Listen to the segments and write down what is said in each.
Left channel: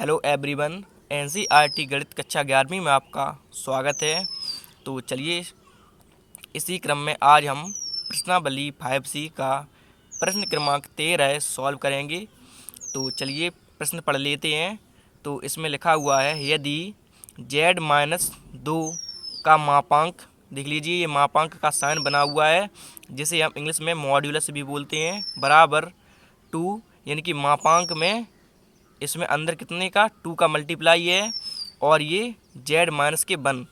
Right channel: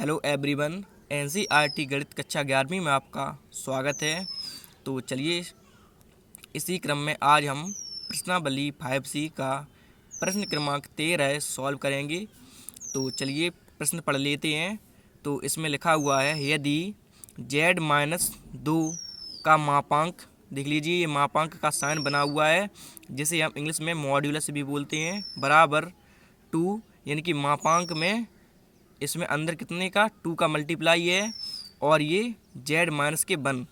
Hello everyone. NCERT गणित कक्षा 11वीं में आपका स्वागत है। तो चलिए इसी क्रम में आज हम प्रश्नावली 5C का प्रश्न क्रमांक 13 सॉल्व करेंगे। तो चलिए प्रश्न पढ़ लेते हैं। तो इसमें लिखा हुआ है, यदि z-2 का मापांक, देख लीजिए ये मापांक का साइन बना हुआ है जिसे हम इंग्लिश में मॉड्यूलस भी बोलते हैं, बराबर 2, यानी कि मापांक में इसमें अंदर कितने का 2 का मल्टीप्लाई है, और ये z-1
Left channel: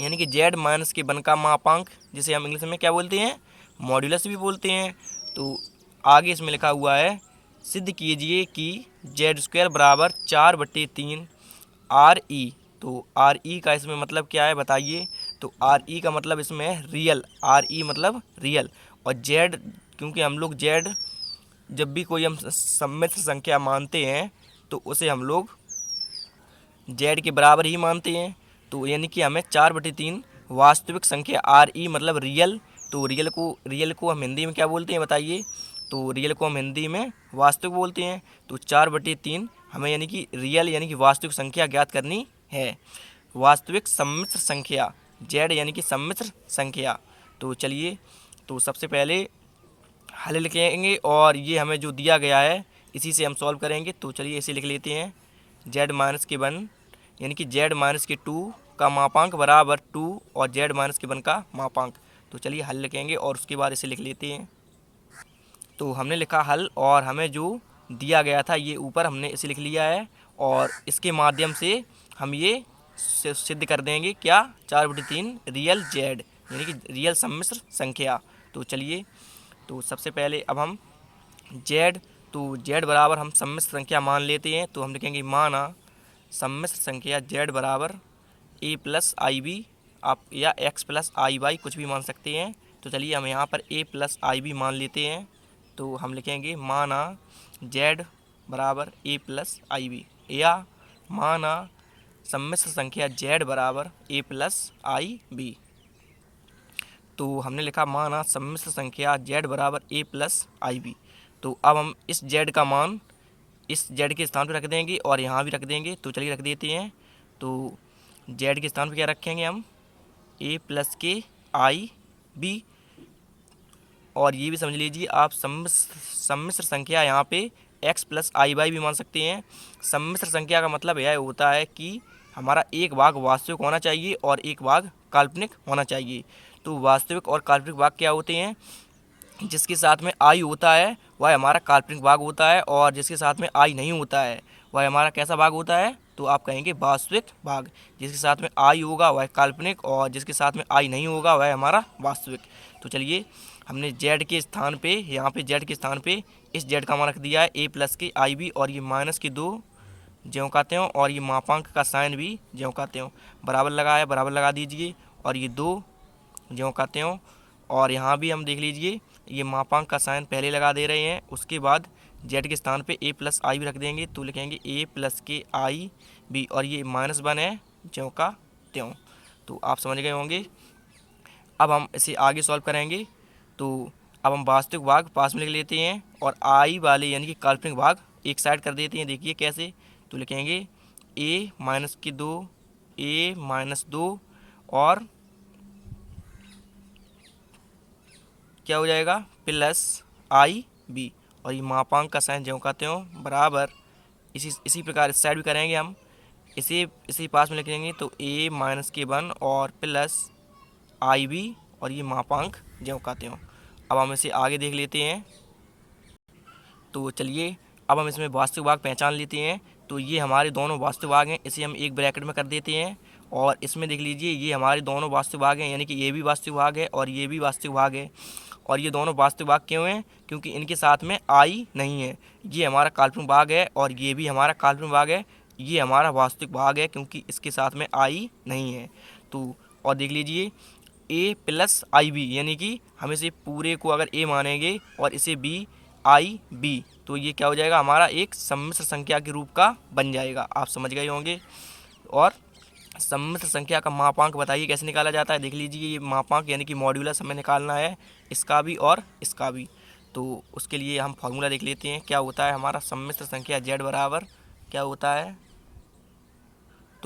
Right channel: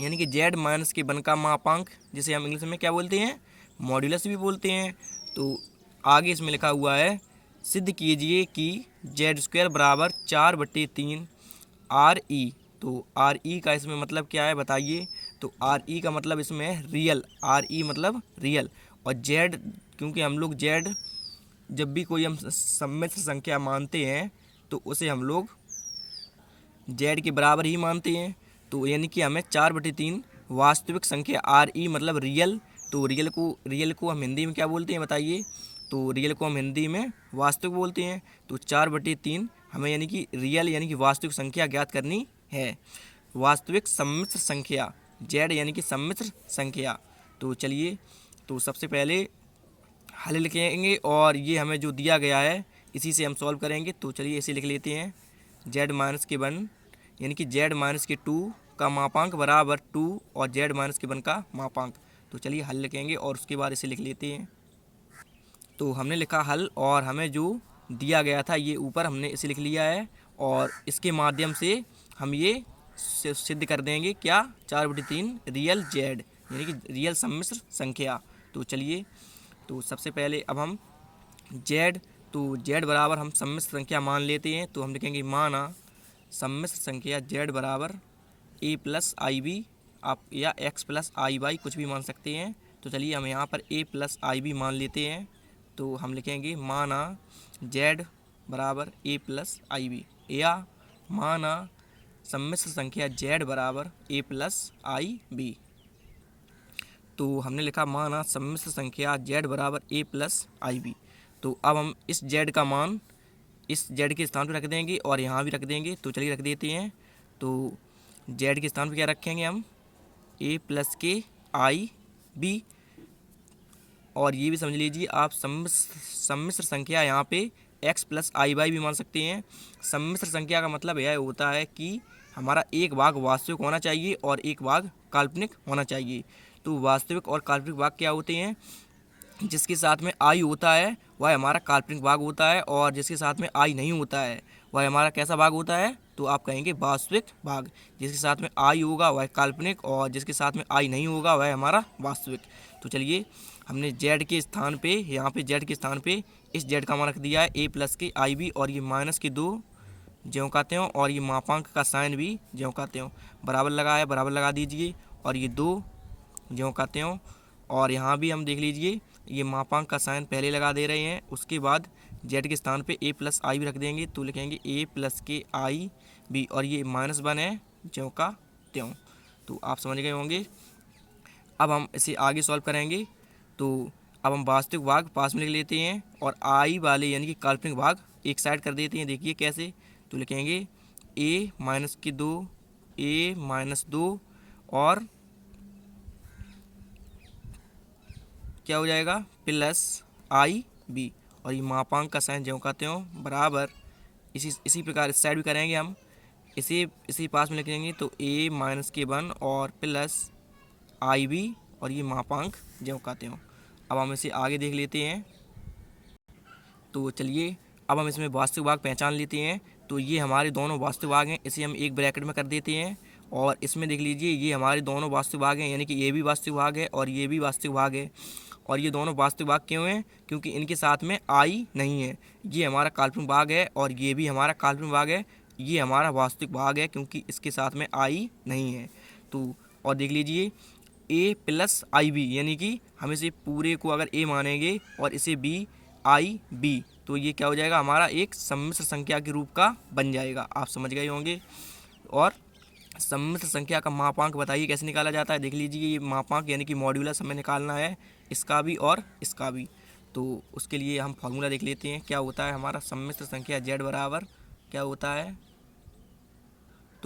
यानी कि z-1 का मापांक जिसे हम इंग्लिश में क्या बोलते हैं, मॉड्यूलस भी बोलते हैं। तो आगे इसमें लिखा हुआ है, सिद्ध कीजिए कि z² बराबर 4/3 RE। तो RE का इसमें मतलब क्या है बताइए। तो RE का मतलब इसमें रियल, RE मतलब रियल, और z, क्योंकि हम लोग z जब भी कोई हम सम्मिश्र संख्या मानते हैं तो उसे हम लोग z के बराबर ही मानते हैं। तो यानी कि हमें 4/3 वास्तविक संख्या RE मतलब रियल, तो रियल को हम हिंदी में क्या बोलते हैं बताइए। तो रियल को हम हिंदी में वास्तविक बोलते हैं। तो 4/3 हमें यानी कि रियल यानी कि वास्तविक संख्या ज्ञात करनी है, वास्तविक सम्मिश्र संख्या, z यानी कि सम्मिश्र संख्या। तो चलिए, तो सबसे पहले हल लिखेंगे और ये हमें जो दिया गया है इसी से हम सॉल्व करेंगे। तो चलिए इसे लिख लेते हैं, z-1 यानी कि z-2 का मापांक बराबर 2 और z-1 का मापांक। तो चलिए हल लिखेंगे और उसके बाद इसे लिख लेते हैं। तो हमने लिखा हल, और हमें जो दिया गया था ये ऊपर हमने इसे लिख लिया है, और इसके माध्यम से हम ये सिद्ध कर देंगे क्या, 4/3 रियल z यानी कि रियल सम्मिश्र संख्या। तो चलिए, तो सबसे पहले अब हम z, तो z बराबर हम सम्मिश्र संख्या मान लेते हैं। तो हम लिखेंगे माना सम्मिश्र संख्या z बराबर a+ib, आप या x+iy कुछ भी मान सकते हैं। तो चलिए हम यहाँ पर a+ib मान लेते हैं। तो हम लिखेंगे माना z बराबर a+ib, या माना सम्मिश्र संख्या z बराबर a+ib। तो हमने लिखा माना सम्मिश्र संख्या z बराबर a+ib। तो अब हम इस z का मान इस z के स्थान पर रख देंगे और यहाँ भी रख देंगे। तो चलिए रख देते हैं। तो z के स्थान पर क्या रखेंगे हम, a+i_b, और ये भी समझ लीजिए आप सम्मिश्र संख्या यहाँ पे x+iy भी मान सकते हैं। सम्मिश्र संख्या का मतलब यह होता है कि हमारा एक भाग वास्तविक होना चाहिए और एक भाग काल्पनिक होना चाहिए। तो वास्तविक और काल्पनिक भाग क्या होते हैं, जिसके साथ में आई होता है वह हमारा काल्पनिक भाग होता है, और जिसके साथ में आई नहीं होता है वह हमारा कैसा भाग होता है, तो आप कहेंगे वास्तविक भाग। जिसके साथ में आई होगा वह काल्पनिक, और जिसके साथ में आई नहीं होगा वह हमारा वास्तविक। तो चलिए हमने z के स्थान पे, यहाँ पे z के स्थान पे इस z का मान रख दिया है a+i_b, और ये -2 ज्यों का त्यों, और ये मापांक का साइन भी ज्यों का त्यों, बराबर लगा है, बराबर लगा दीजिए, और ये 2 ज्यों का त्यों, और यहाँ भी हम देख लीजिए ये मापांक का साइन पहले लगा दे रहे हैं। उसके बाद z के स्थान पे a+i भी रख देंगे। तो लिखेंगे a+i_b, और ये -1 है ज्यों का त्यों। तो आप समझ गए होंगे। अब हम इसे आगे सॉल्व करेंगे। तो अब हम वास्तविक भाग पास में लिख लेते हैं और आई वाले यानी कि काल्पनिक भाग एक साइड कर देते हैं। देखिए कैसे, तो लिखेंगे a-2 a-2 और क्या हो जाएगा +i_b, और ये मापांक का साइन ज्यों का त्यों बराबर, इसी प्रकार इस साइड भी करेंगे हम, इसी पास में लिखेंगे। तो a-1 और +i_b, और ये मापांक ज्यों का त्यों। अब हम इसे आगे देख लेते हैं। तो चलिए अब हम इसमें वास्तविक भाग पहचान लेते हैं। तो ये हमारे दोनों वास्तविक भाग हैं, इसे हम एक ब्रैकेट में कर देते हैं, और इसमें देख लीजिए ये हमारे दोनों वास्तविक भाग हैं, यानी कि ये भी वास्तविक भाग है और ये भी वास्तविक भाग है। और ये दोनों वास्तविक भाग क्यों हैं, क्योंकि इनके साथ में आई नहीं है। ये हमारा काल्पनिक भाग है और ये भी हमारा काल्पनिक भाग है, ये हमारा वास्तविक भाग है क्योंकि इसके साथ में आई नहीं है। तो और देख लीजिए a+i_b, यानी कि हम इसे पूरे को अगर a मानेंगे और इसे b_i_b, तो ये क्या हो जाएगा, हमारा एक सम्मिश्र संख्या के रूप का बन जाएगा। आप समझ गए होंगे। और सम्मिश्र संख्या का मापांक बताइए कैसे निकाला जाता है। देख लीजिए ये मापांक यानी कि मॉड्यूलस हमें निकालना है, इसका भी और इसका भी। तो उसके लिए हम फॉर्मूला देख लेते हैं क्या होता है हमारा। सम्मिश्र संख्या z बराबर क्या होता है,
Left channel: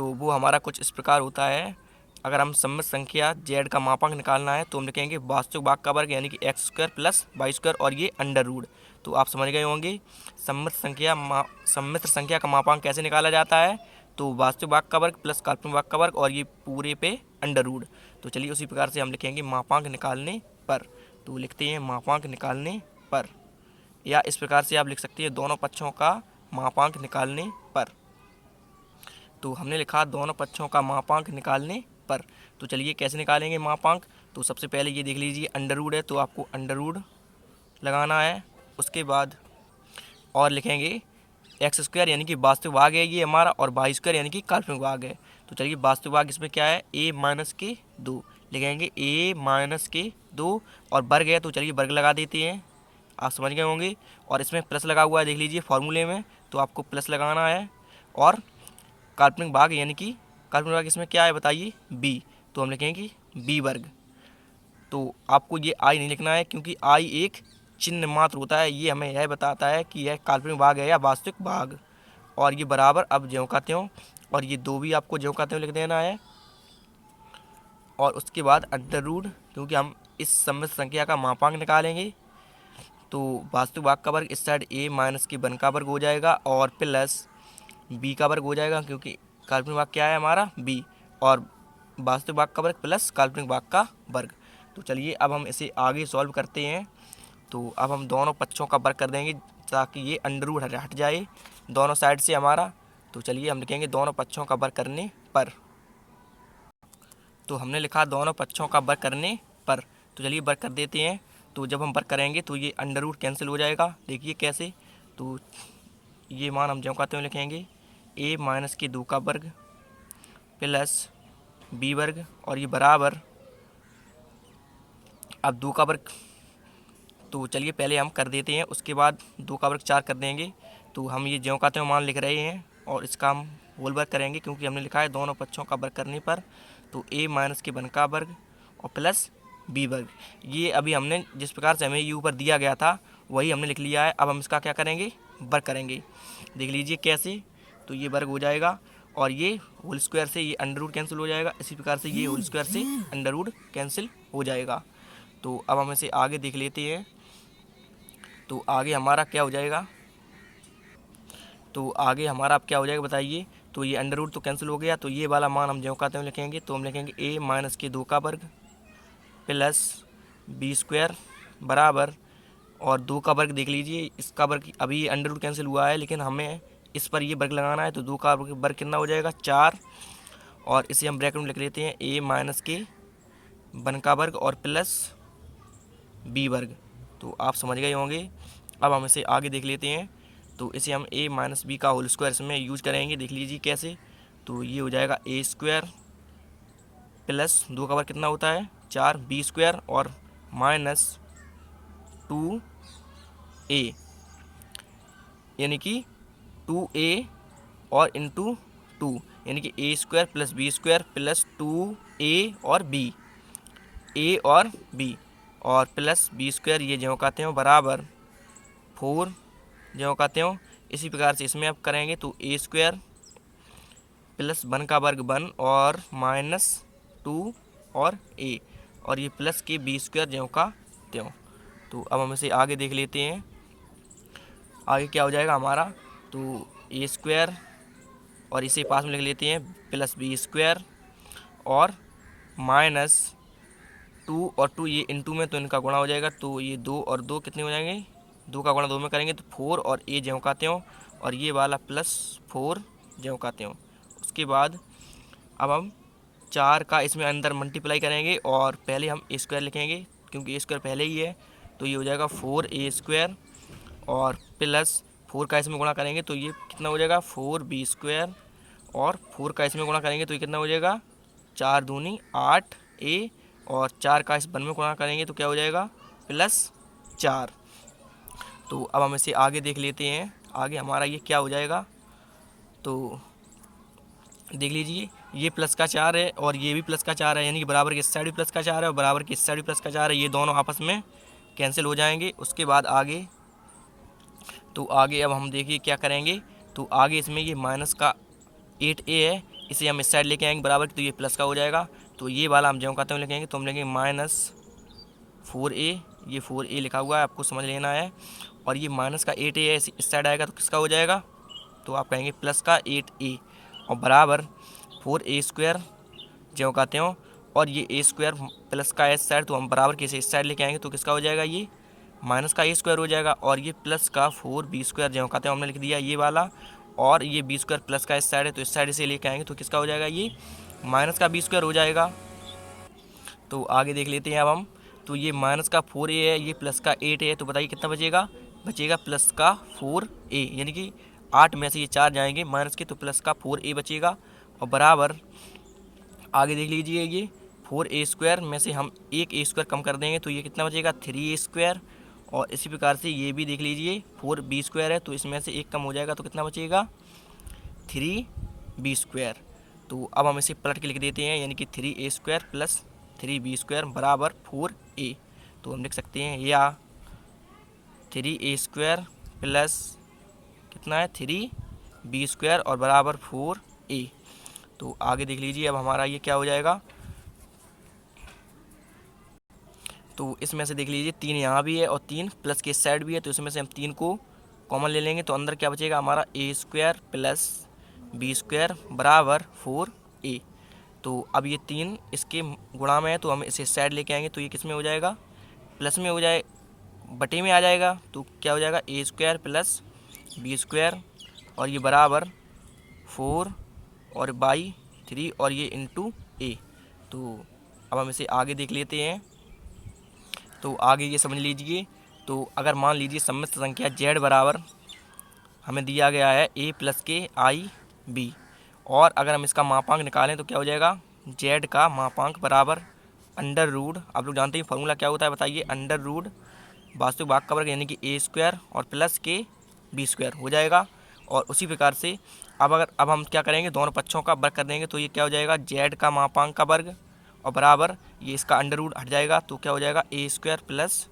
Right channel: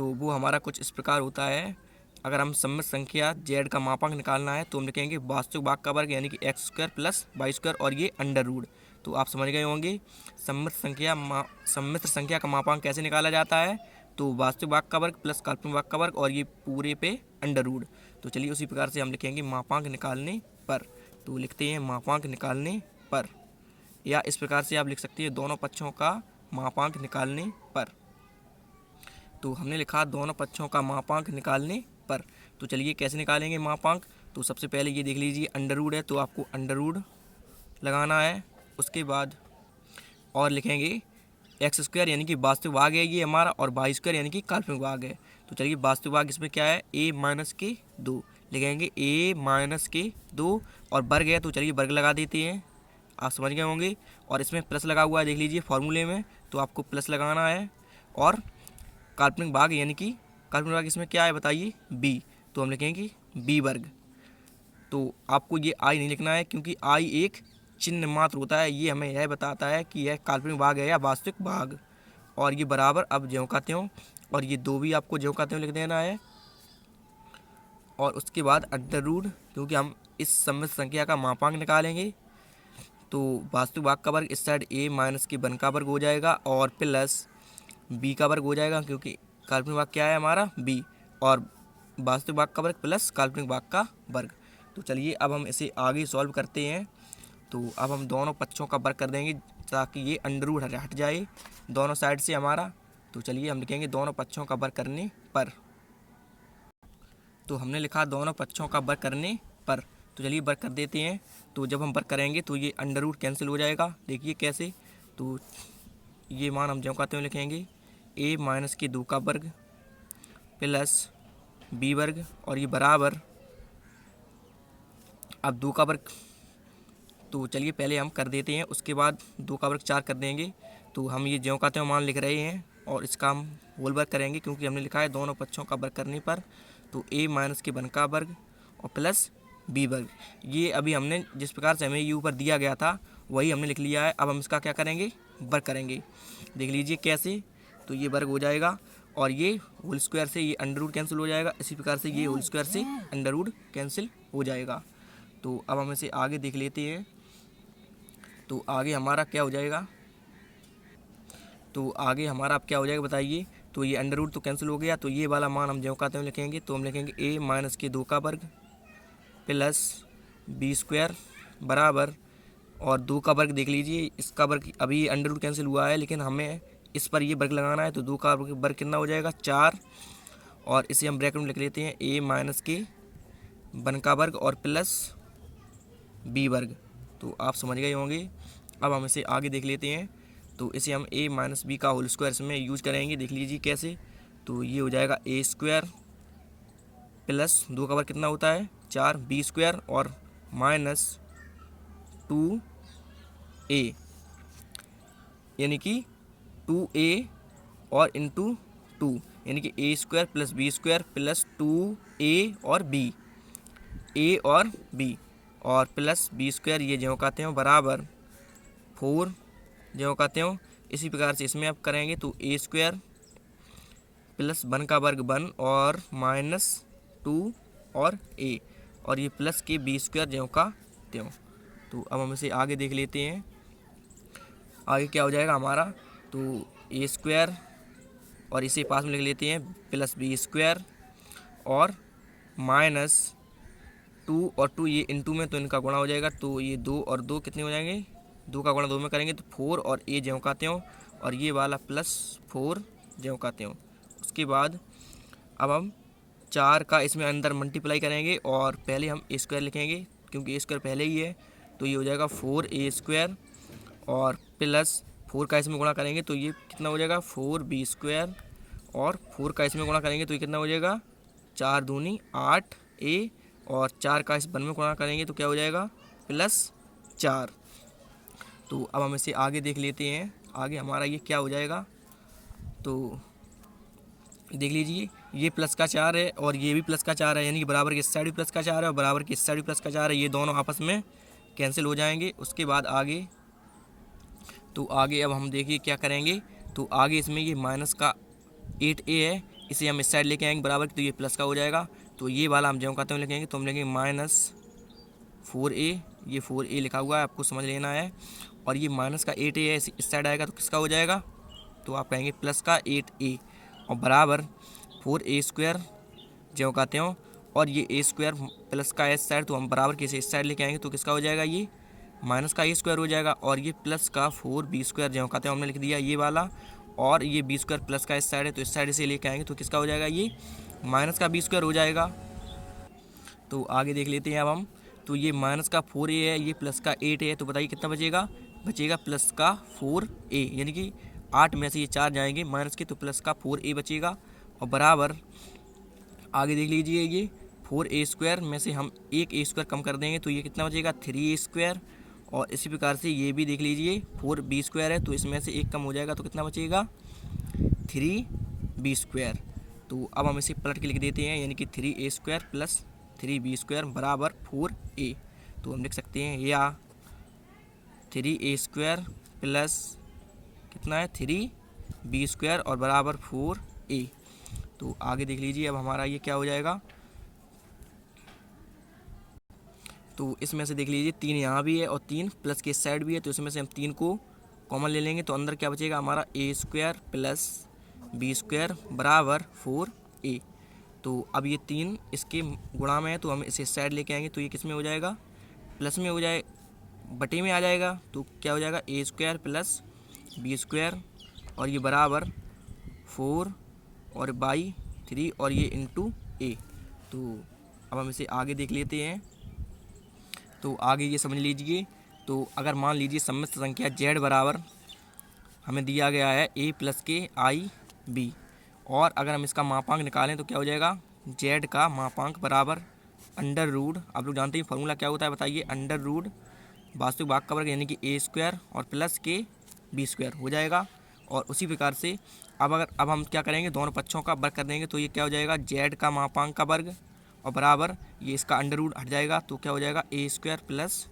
तो वो हमारा कुछ इस प्रकार होता है। अगर हम सम्मित संख्या z का मापांक निकालना है तो हम लिखेंगे वास्तविक भाग का वर्ग यानी कि x square plus y square और ये अंडर रूट। तो आप समझ गए होंगे सम्मिश्र संख्या का मापांक कैसे निकाला जाता है। तो वास्तविक भाग का वर्ग प्लस काल्पनिक भाग का वर्ग और ये पूरे पे अंडर रूट। तो चलिए उसी प्रकार से हम लिखेंगे मापांक निकालने पर। तो लिखते हैं मापांक निकालने पर, या इस प्रकार से आप लिख सकते हैं दोनों पक्षों का मापांक निकालने पर। तो हमने लिखा दोनों पक्षों का मापांक निकालने पर। तो चलिए कैसे निकालेंगे मापांक। तो सबसे पहले ये देख लीजिए अंडर रूट है तो आपको अंडर रूट लगाना है। उसके बाद और लिखेंगे एक्स स्क्वायर यानी कि वास्तविक भाग है ये हमारा, और वाई स्क्वायर यानी कि काल्पनिक भाग है। तो चलिए वास्तविक भाग इसमें क्या है, a माइनस के 2 लिखेंगे, a माइनस के 2, और वर्ग है तो चलिए वर्ग लगा देते हैं, आप समझ गए होंगे। और इसमें प्लस लगा हुआ है देख लीजिए फॉर्मूले में, तो आपको प्लस लगाना है। और काल्पनिक भाग यानी कि काल्पनिक भाग इसमें क्या है बताइए, b, तो हम लिखेंगे b वर्ग। तो आपको ये आई नहीं लिखना है क्योंकि आई एक चिन्ह मात्र होता है, ये हमें यह बताता है कि यह काल्पनिक भाग है या वास्तविक भाग। और ये बराबर अब ज्यों का त्यों, और ये 2 भी आपको ज्यों का त्यों लिख देना है। और उसके बाद अंडर रूट, क्योंकि हम इस सम्मिश्र संख्या का मापांक निकालेंगे। तो वास्तविक भाग का वर्ग इस साइड a माइनस के 1 का वर्ग हो जाएगा और प्लस b का वर्ग हो जाएगा, क्योंकि काल्पनिक भाग क्या है हमारा b, और वास्तविक भाग का वर्ग प्लस काल्पनिक भाग का वर्ग। तो चलिए अब हम इसे आगे सॉल्व करते हैं। तो अब हम दोनों पक्षों का वर्ग कर देंगे ताकि ये अंडर रूट हट जाए दोनों साइड से हमारा। तो चलिए हम लिखेंगे दोनों पक्षों का वर्ग करने पर। तो हमने लिखा दोनों पक्षों का वर्ग करने पर। तो चलिए वर्ग कर देते हैं। तो जब हम वर्ग करेंगे तो ये अंडर रूट कैंसिल हो जाएगा, देखिए कैसे। तो ये मान हम ज्यों का त्यों लिखेंगे, a माइनस के 2 का वर्ग प्लस b वर्ग, और ये बराबर अब 2 का वर्ग। तो चलिए पहले हम कर देते हैं, उसके बाद 2 का वर्ग 4 कर देंगे। तो हम ये ज्यों का त्यों मान लिख रहे हैं और इसका हम होल वर्ग करेंगे, क्योंकि हमने लिखा है दोनों पक्षों का वर्ग करने पर। तो a माइनस के 1 का वर्ग और प्लस b वर्ग। ये अभी हमने जिस प्रकार से हमें ये ऊपर दिया गया था वही हमने लिख लिया है। अब हम इसका क्या करेंगे, वर्ग करेंगे, देख लीजिए कैसे। तो ये वर्ग हो जाएगा और ये होल स्क्वायर से ये अंडर रूट कैंसिल हो जाएगा, इसी प्रकार से ये होल स्क्वायर से अंडर रूट कैंसिल हो जाएगा। तो अब हम इसे आगे देख लेते हैं। तो आगे हमारा क्या हो जाएगा, तो आगे हमारा अब क्या हो जाएगा बताइए। तो ये अंडर रूट तो कैंसिल हो गया, तो ये वाला मान हम ज्यों का त्यों लिखेंगे। तो हम लिखेंगे a माइनस के 2 का वर्ग प्लस b स्क्वायर बराबर, और 2 का वर्ग देख लीजिए, इसका वर्ग अभी अंडर रूट कैंसिल हुआ है लेकिन हमें इस पर ये वर्ग लगाना है। तो 2 का वर्ग कितना हो जाएगा, 4, और इसे हम ब्रैकेट में लिख लेते हैं a माइनस के 1 का वर्ग और प्लस b वर्ग। तो आप समझ गए होंगे। अब हम इसे आगे देख लेते हैं। तो इसे हम a माइनस बी का होल स्क्वायर इसमें यूज करेंगे, देख लीजिए कैसे। तो ये हो जाएगा a स्क्वायर प्लस 2 का वर्ग कितना होता है 4, b स्क्वायर और माइनस 2a, यानी कि 2a और इंटू 2, यानी कि a square plus b square plus 2a और b, a और b, और प्लस b स्क्वायर ये ज्यों का त्यों बराबर 4 ज्यों का त्यों। इसी प्रकार से इसमें अब करेंगे तो a स्क्वायर प्लस 1 का वर्ग 1 और माइनस 2 और a, और ये प्लस के b स्क्वायर ज्यों का त्यों। तो अब हम इसे आगे देख लेते हैं, आगे क्या हो जाएगा हमारा। तो a स्क्वायर और इसे पास में लिख लेते हैं प्लस b स्क्वायर और माइनस 2 और 2 ये इंटू में, तो इनका गुणा हो जाएगा। तो ये 2 और 2 कितने हो जाएंगे, 2 का गुणा 2 में करेंगे तो 4 और a ज्यों का त्यों, और ये वाला प्लस 4 ज्यों का त्यों। उसके बाद अब हम 4 का इसमें अंदर मल्टीप्लाई करेंगे और पहले हम a स्क्वायर लिखेंगे क्योंकि a स्क्वायर पहले ही है। तो ये हो जाएगा 4a स्क्वायर और प्लस 4 का इसमें गुणा करेंगे तो ये कितना हो जाएगा 4b स्क्वायर, और 4 का इसमें गुणा करेंगे तो ये कितना हो जाएगा 4 दूनी 8a, और 4 का इस 1 में गुणा करेंगे तो क्या हो जाएगा प्लस 4। तो अब हम इसे आगे देख लेते हैं, आगे हमारा ये क्या हो जाएगा। तो देख लीजिए ये प्लस का 4 है और ये भी प्लस का 4 है, यानी कि बराबर की इस साइड भी प्लस का 4 है और बराबर की इस साइड भी प्लस का 4 है, ये दोनों आपस में कैंसिल हो जाएंगे। उसके बाद आगे, तो आगे अब हम देखिए क्या करेंगे। तो आगे इसमें ये माइनस का 8a है इसे हम इस साइड लेके आएंगे बराबर, तो ये प्लस का हो जाएगा। तो ये वाला हम जो कहते हैं लिखेंगे, तो हम लिखेंगे -4a, ये 4a लिखा हुआ है, आपको समझ लेना है। और ये माइनस का 8a है, इस साइड आएगा तो किसका हो जाएगा, तो आप कहेंगे प्लस का 8a, और बराबर 4a² जो कहते हो, और ये a² प्लस का इस साइड, तो हम बराबर कैसे इस साइड लेके आएंगे तो किसका हो जाएगा, ये माइनस का a² हो जाएगा। और ये प्लस का 4b² जो कहते हैं हमने लिख दिया ये वाला, और ये b² प्लस का इस साइड है, तो इस साइड से लेके आएंगे तो किसका हो जाएगा, ये माइनस का b² हो जाएगा। तो आगे देख लेते हैं अब हम। तो ये माइनस का 4a है, ये प्लस का 8 है, तो बताइए कितना बचेगा, बचेगा प्लस का 4a, यानी कि 8 में से ये 4 जाएंगे माइनस के, तो प्लस का 4a बचेगा। और बराबर आगे देख लीजिए, ये 4a² में से हम एक a² कम कर देंगे तो ये कितना बचेगा, 3a²। और इसी प्रकार से ये भी देख लीजिए 4b² है, तो इसमें से एक कम हो जाएगा तो कितना बचेगा, 3b²। तो अब हम इसे पलट के लिख देते हैं, यानी कि 3a² प्लस 3b² बराबर 4a। तो हम लिख सकते हैं या 3a² प्लस कितना है 3b² और बराबर 4a। तो आगे देख लीजिए अब हमारा ये क्या हो जाएगा, तो इसमें से देख लीजिए 3 यहाँ भी है और 3 प्लस के इस साइड भी है, तो इसमें से हम 3 को कॉमन ले लेंगे, तो अंदर क्या बचेगा हमारा a² प्लस b² बराबर 4a। तो अब ये 3 इसके गुणा में है, तो हम इसे इस साइड लेके आएंगे तो ये किस में हो जाएगा, प्लस में हो जाए, बटे में आ जाएगा। तो क्या हो जाएगा a² प्लस b² और ये बराबर 4 और बाई 3 और ये इंटू a। तो अब हम इसे आगे देख लेते हैं। तो आगे ये समझ लीजिए, तो अगर मान लीजिए सम्मिश्र संख्या z बराबर हमें दिया गया है a प्लस के i b, और अगर हम इसका मापांक निकालें तो क्या हो जाएगा, z का मापांक बराबर अंडर रूट, आप लोग जानते हैं फॉर्मूला क्या होता है बताइए, अंडर रूट वास्तविक भाग का वर्ग यानी कि a² और प्लस के b² हो जाएगा। और उसी प्रकार से अब हम क्या करेंगे, दोनों पक्षों का वर्ग कर देंगे, तो ये क्या हो जाएगा, z का मापांक का वर्ग और बराबर ये इसका अंडर रूट हट जाएगा, तो क्या हो जाएगा a² प्लस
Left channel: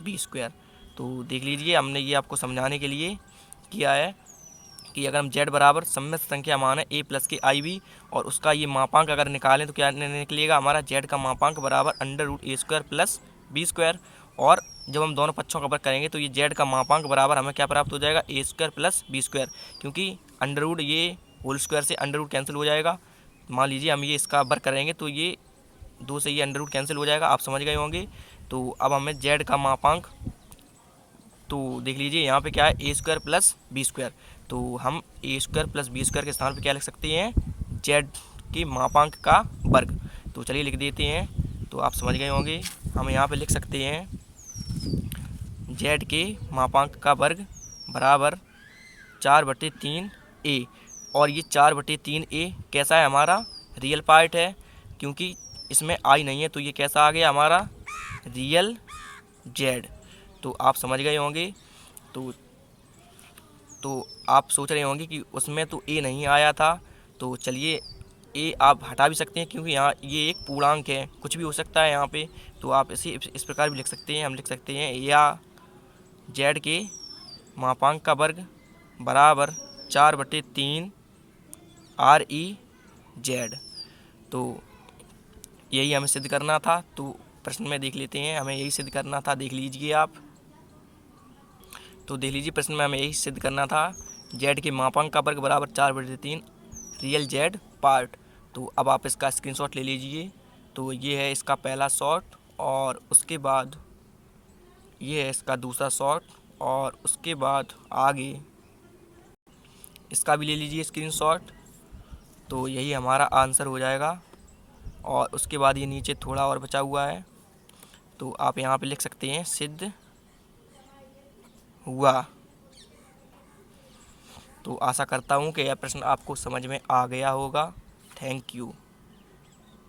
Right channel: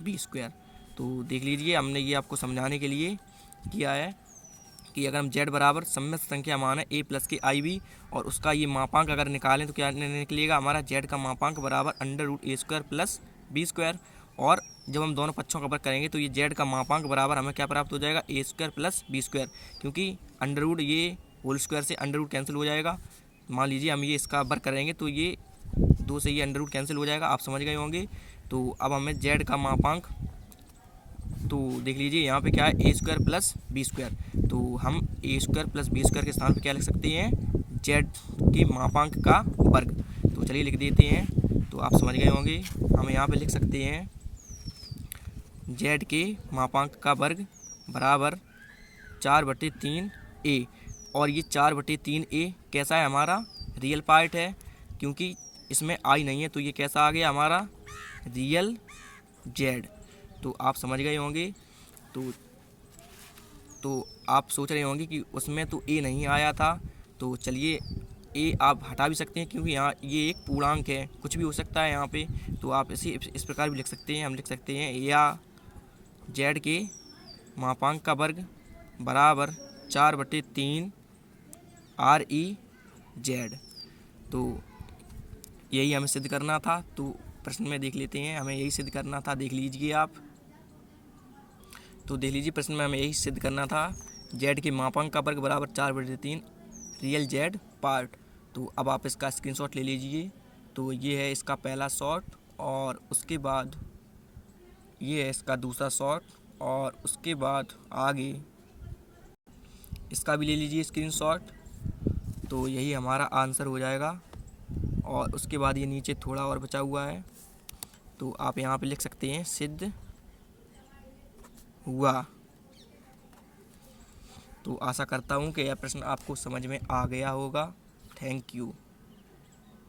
b²। तो देख लीजिए हमने ये आपको समझाने के लिए किया है कि अगर हम z बराबर सम्मिश्र संख्या मान है a प्लस के i b और उसका ये मापांक अगर निकालें तो क्या निकलेगा, हमारा z का मापांक बराबर under root a² plus b²। और जब हम दोनों पक्षों का वर्ग करेंगे तो ये z का मापांक बराबर हमें क्या प्राप्त हो जाएगा, a² प्लस b², क्योंकि अंडर रूट ये होल स्क्वायर से अंडर रूट कैंसिल हो जाएगा। मान लीजिए हम ये इसका वर्ग करेंगे तो ये 2 से ये अंडर रूट कैंसिल हो जाएगा, आप समझ गए होंगे। तो अब हमें z का मापांक, तो देख लीजिए यहाँ पे क्या है a² प्लस b², तो हम a² प्लस b² के स्थान पे क्या लिख सकते हैं, z के मापांक का वर्ग। तो चलिए लिख देते हैं, तो आप समझ गए होंगे, हम यहाँ पे लिख सकते हैं z के मापांक का वर्ग बराबर 4/3a। और ये 4/3a कैसा है, हमारा रियल पार्ट है, क्योंकि इसमें आई नहीं है, तो ये कैसा आ गया हमारा रियल z। तो आप समझ गए होंगे। तो आप सोच रहे होंगे कि उसमें तो a नहीं आया था, तो चलिए a आप हटा भी सकते हैं, क्योंकि यहाँ ये एक पूर्णांक है, कुछ भी हो सकता है यहाँ पे। तो आप इसे इस प्रकार भी लिख सकते हैं, हम लिख सकते हैं या z के मापांक का वर्ग बराबर 4/3 REZ। तो यही हमें सिद्ध करना था। तो प्रश्न में देख लेते हैं, हमें यही सिद्ध करना था, देख लीजिए आप। तो देख लीजिए प्रश्न में हमें यही सिद्ध करना था, z के मापांक का वर्ग बराबर 4/3 रियल z पार्ट। तो अब आप इसका स्क्रीनशॉट ले लीजिए। तो ये है इसका पहला शॉट, और उसके बाद ये है इसका दूसरा शॉट, और उसके बाद आगे इसका भी ले लीजिए स्क्रीनशॉट। तो यही हमारा आंसर हो जाएगा। और उसके बाद ये नीचे थोड़ा और बचा हुआ है, तो आप यहाँ पे लिख सकते हैं सिद्ध हुआ। तो आशा करता हूँ कि यह प्रश्न आपको समझ में आ गया होगा। Thank you.